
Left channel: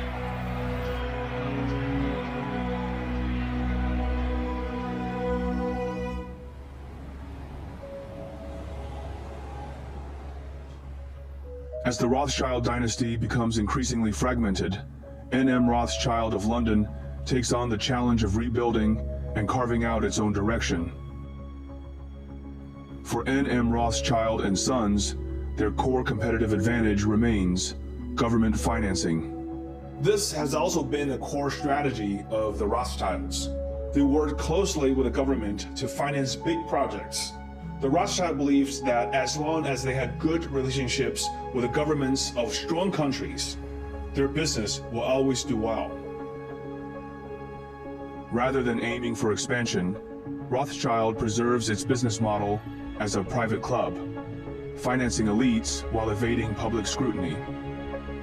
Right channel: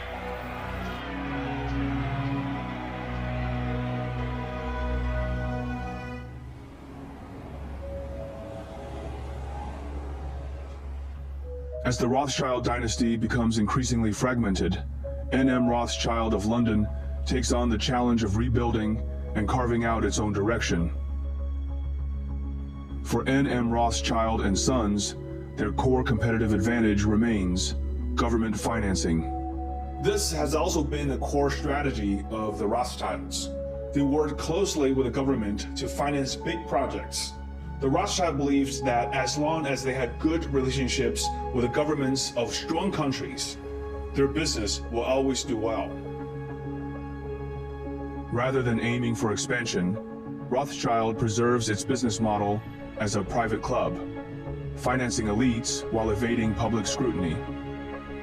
As the Rothschild dynasty becomes increasingly fragmented, N.M. Rothschild of London takes on the challenge of rebuilding and carving out its own direction. For N.M. Rothschild and Sons, their core competitive advantage remains government financing. This has also been a core strategy of the Rothschilds. They worked closely with the government to finance big projects. The Rothschild believes that as long as they had good relationships with the governments of strong countries, their business will always do well. Rather than aiming for expansion, Rothschild preserves its business model as a private club, financing elites while evading public scrutiny.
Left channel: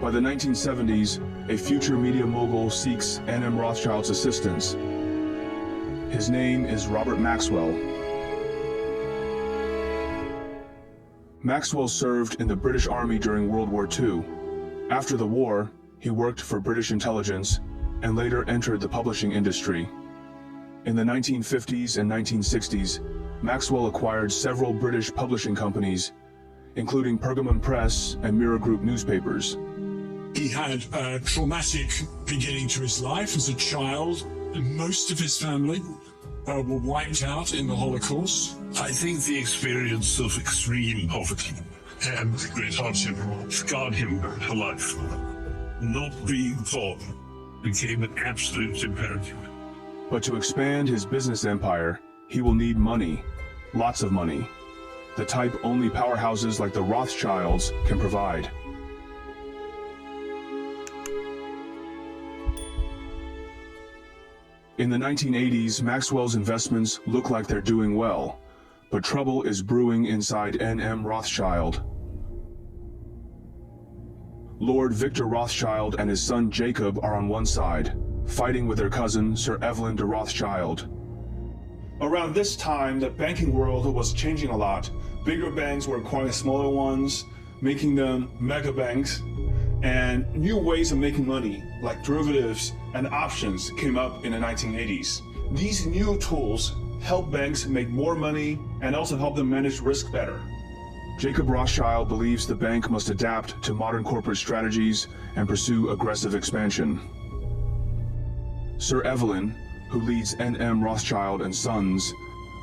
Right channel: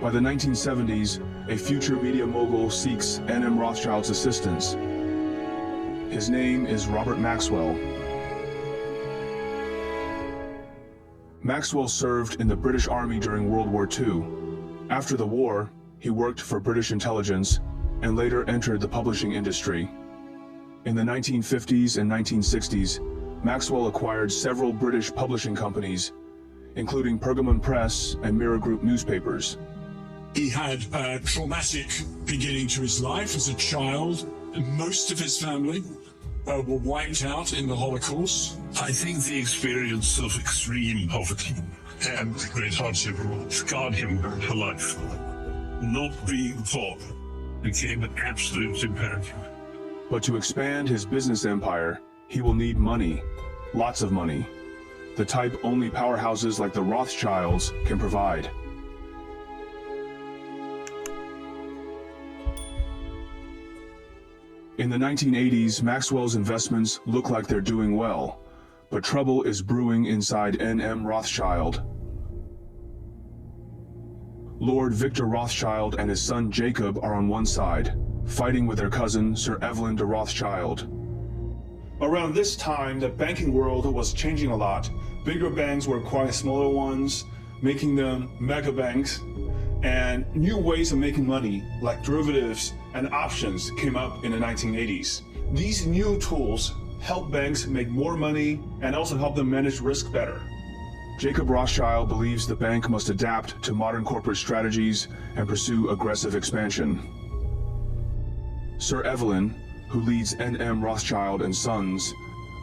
By the 1970s, a future media mogul seeks N.M. Rothschild's assistance. His name is Robert Maxwell. Maxwell served in the British Army during World War II. After the war, he worked for British intelligence and later entered the publishing industry. In the 1950s and 1960s, Maxwell acquired several British publishing companies, including Pergamon Press and Mirror Group newspapers. He had a traumatic beginning to his life as a child, and most of his family were wiped out in the Holocaust. I think the experience of extreme poverty and great hardship scarred him for life. Not being thought became an absolute imperative. But to expand his business empire, he will need money, lots of money, the type only powerhouses like the Rothschilds can provide. In the 1980s, Maxwell's investments look like they're doing well, but trouble is brewing inside N.M. Rothschild. Lord Victor Rothschild and his son Jacob are on one side, fighting with their cousin Sir Evelyn de Rothschild. Around this time, the banking world was changing a lot. Bigger banks were acquiring smaller ones, making them mega banks, and new ways of making money, like derivatives and options, came up in the 1980s. These new tools help banks make more money and also help them manage risk better. Jacob Rothschild believes the bank must adapt to modern corporate strategies and pursue aggressive expansion. Sir Evelyn, who leads N.M. Rothschild and Sons,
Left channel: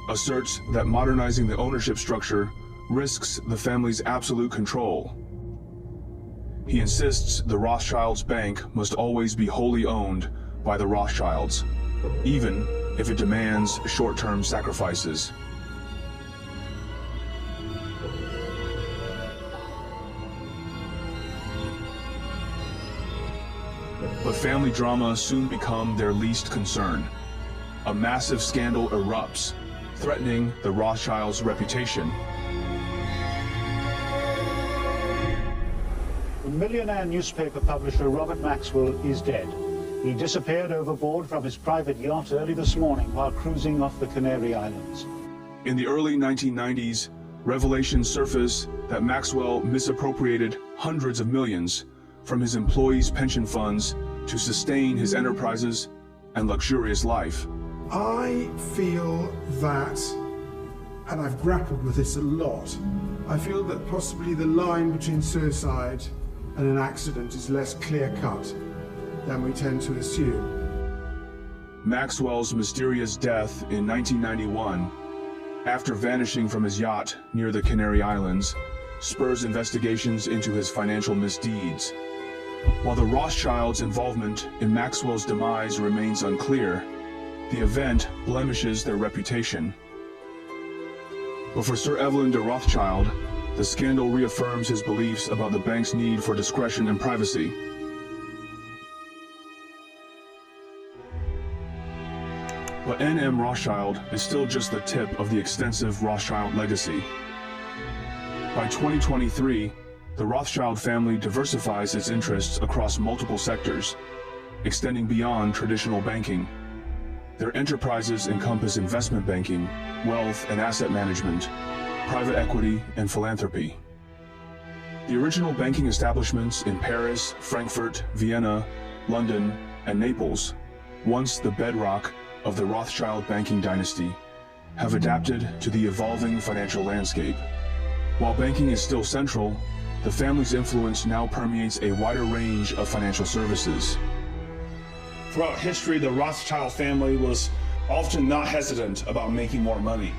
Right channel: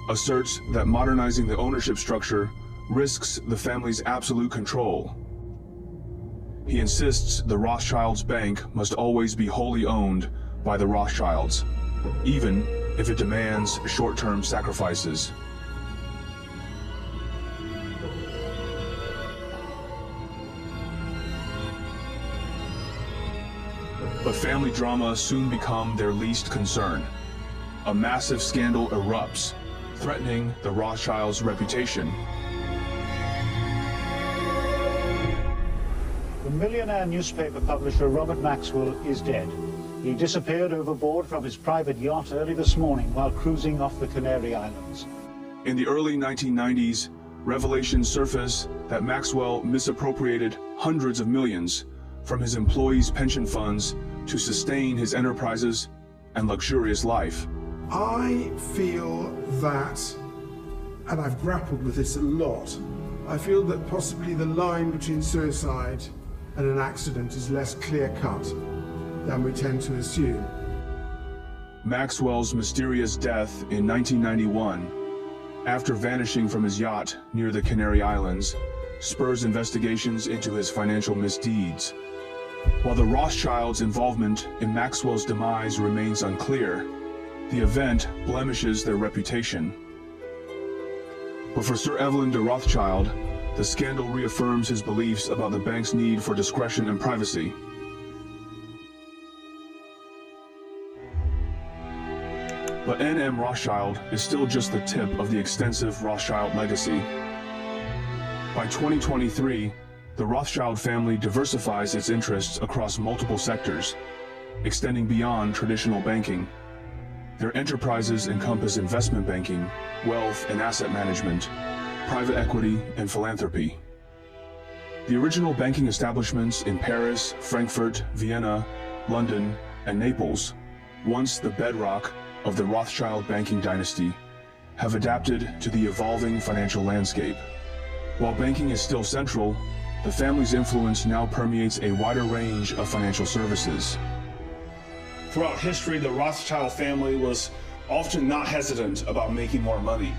asserts that modernizing the ownership structure risks the family's absolute control. He insists the Rothschilds' bank must always be wholly owned by the Rothschilds, even if it demands short-term sacrifices. But family drama soon become their least concern. A massive scandal erupts, threatening the Rothschilds' reputation. The millionaire newspaper publisher Robert Maxwell is dead. He disappeared overboard from his private yacht early this morning while cruising off the Canary Islands. In the early 1990s, revelations surface that Maxwell misappropriated hundreds of millions from his employees' pension funds to sustain his enterprises and luxurious life. I feel that, and I've grappled with this a lot, I feel that possibly the line between suicide and an accident is less clear-cut than we tend to assume. Maxwell's mysterious death in 1991, after vanishing from his yacht near the Canary Islands, spurs investigations into his financial misdeeds. While the Rothschilds' involvement in Maxwell's demise remains unclear, the event blemishes their reputation. But for Sir Evelyn de Rothschild, the scandal reaffirms his beliefs about the bank's need for discretion and privacy. But N.M. Rothschild is still just the tip of the extensive Rothschild legacy. By 2023, the Rothschild family diversifies its interests across multiple sectors, extending beyond traditional banking. Their enterprises encompass investment banking, wealth and asset management, private equity, and philanthropy. The original banking establishments in Paris, Frankfurt, Vienna, London, and Naples, once the bedrock of the Rothschild banking dynasty, have adapted to the evolving financial landscape. While banking is still central, the family's influence now permeates a wider range of financial services. Throughout history, the Rothschild family was often not hesitant about making more money.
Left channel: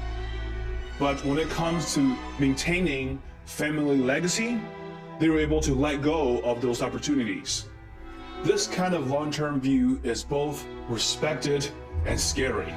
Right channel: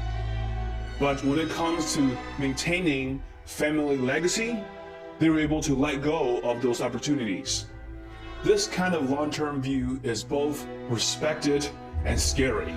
But when it comes to maintaining family legacy, they were able to let go of those opportunities. This kind of long-term view is both respected and scary.